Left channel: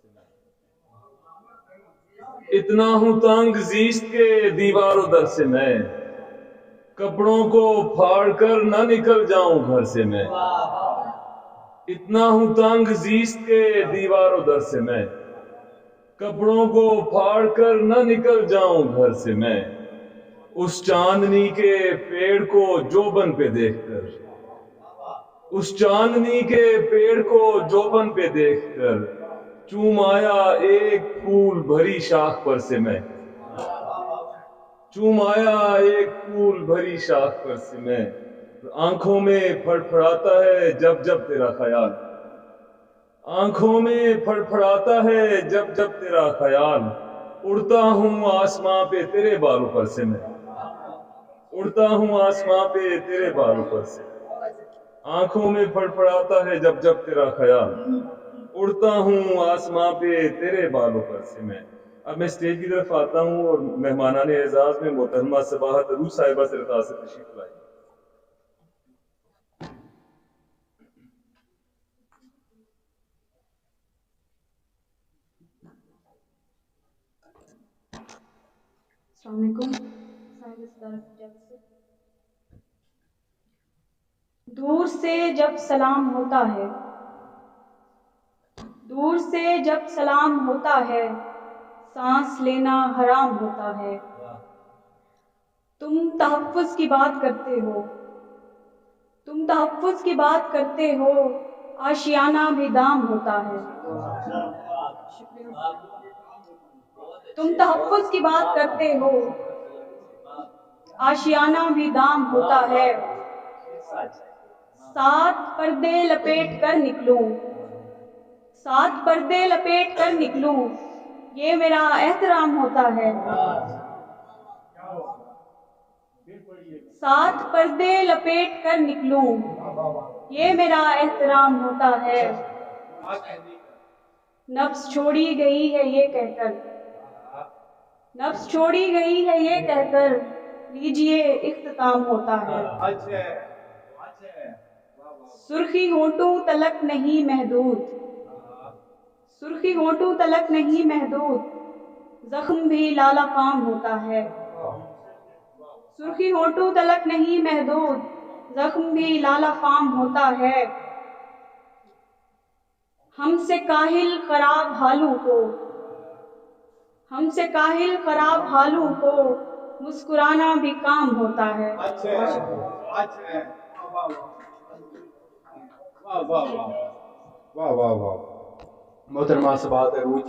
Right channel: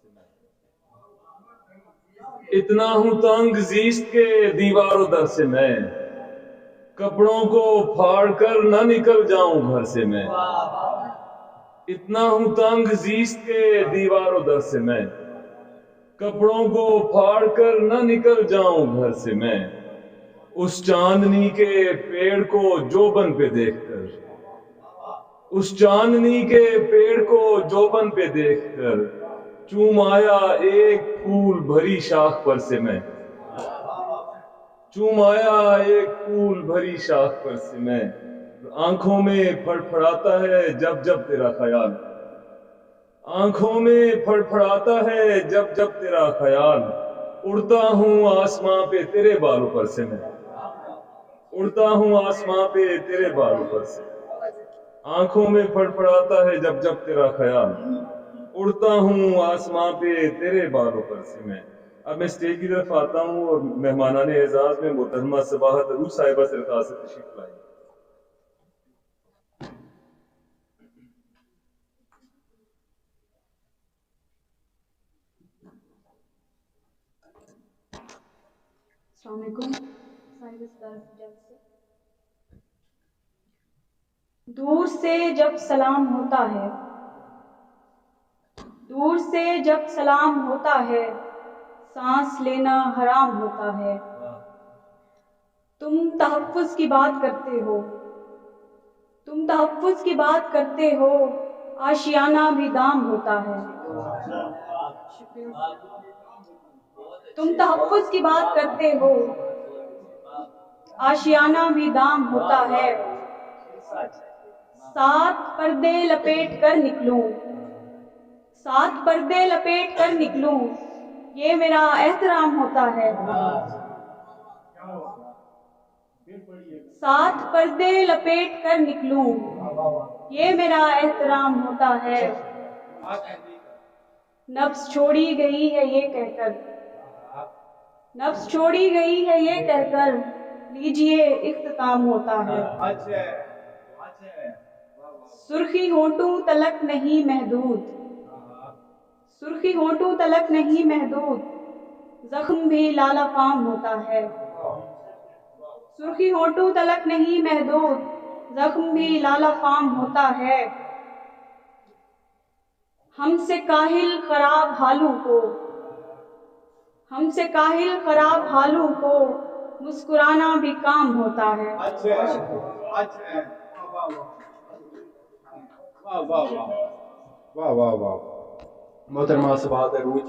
سے میں اتنا ہوں تنگ زیست کے دیوار و در سے میں کپڑوں کو پھاڑ کر نہ نکل جاؤں گھر سے میں اتنا ہوں تنگ زیست کے دیوار و در سے میں کپڑوں کو پھاڑ کر نہ نکل جاؤں گھر سے میں اس چاندنی کے پیڑ کو جوبن پہ دیکھ کر اس چاندنی کے پیڑ کو جوبن پہ دیکھ کر چوم آیا ایک پھول بھری شاخ پر سے میں چوم آیا ایک پھول بھری شاخ پر سے میں آنکھوں میں پھڑ پھڑاتا ہے جب جب تیرا خیال آنکھوں میں پھڑ پھڑاتا ہے جب جب تیرا خیال اڑتا ہوں آسماں پہ تیرے بالوں پر سے میں اڑتا ہوں آسماں پہ تیرے بالوں پر سے آنکھوں میں پھڑ پھڑاتا ہے جب جب تیرا خیال اڑتا ہوں آسماں پہ تیرے بالوں پر سے میں اب میں اسٹیج کی طرف آتا ہوں اور مہمانان اعزاز میں محترمہ صباحت عروج صاحبہ سے درخواست ہے تشریف لائیں. السلام علیکم. صاحب صدارت اجازت سے دور سے جب سلام ہوتا ہے دور سے جب سلام ہوتا ہے سانس لینا حرام ہوتا ہے تم تحفظ کی بات کرتے ہو تم تحفظ کی بات کرتے ہو آشیانہ بھی دام ہوتا ہے تم تحفظ کی بات کرتے ہو آشیانہ بھی دام ہوتا ہے 7 پردے لپیٹ کر نکلوں 7 پردے لپیٹ کر نکلوں یہ میرا احترام ہوتا ہے 7 پردے لپیٹ کر نکلوں یہ میرا احترام ہوتا ہے نفس چھوڑی گئی ہے یہ کہہ کر نفس چھوڑی گئی ہے یہ کہہ کر لیجئے اختتام ہوتا ہے سرخی ہونٹوں تلک نہیں محدود سرخی ہونٹوں تلک نہیں محدود زخم بھی لالا فام ہوتا ہے سرخی ہونٹوں تلک نہیں محدود زخم بھی لالا فام ہوتا ہے ہم سے کاہل خراب حالوں کو ہم سے کاہل خراب حالوں کو مسکرانا بھی کام ہوتا ہے. واہ واہ واہ واہ واہ واہ. محترمہ صباحت عروج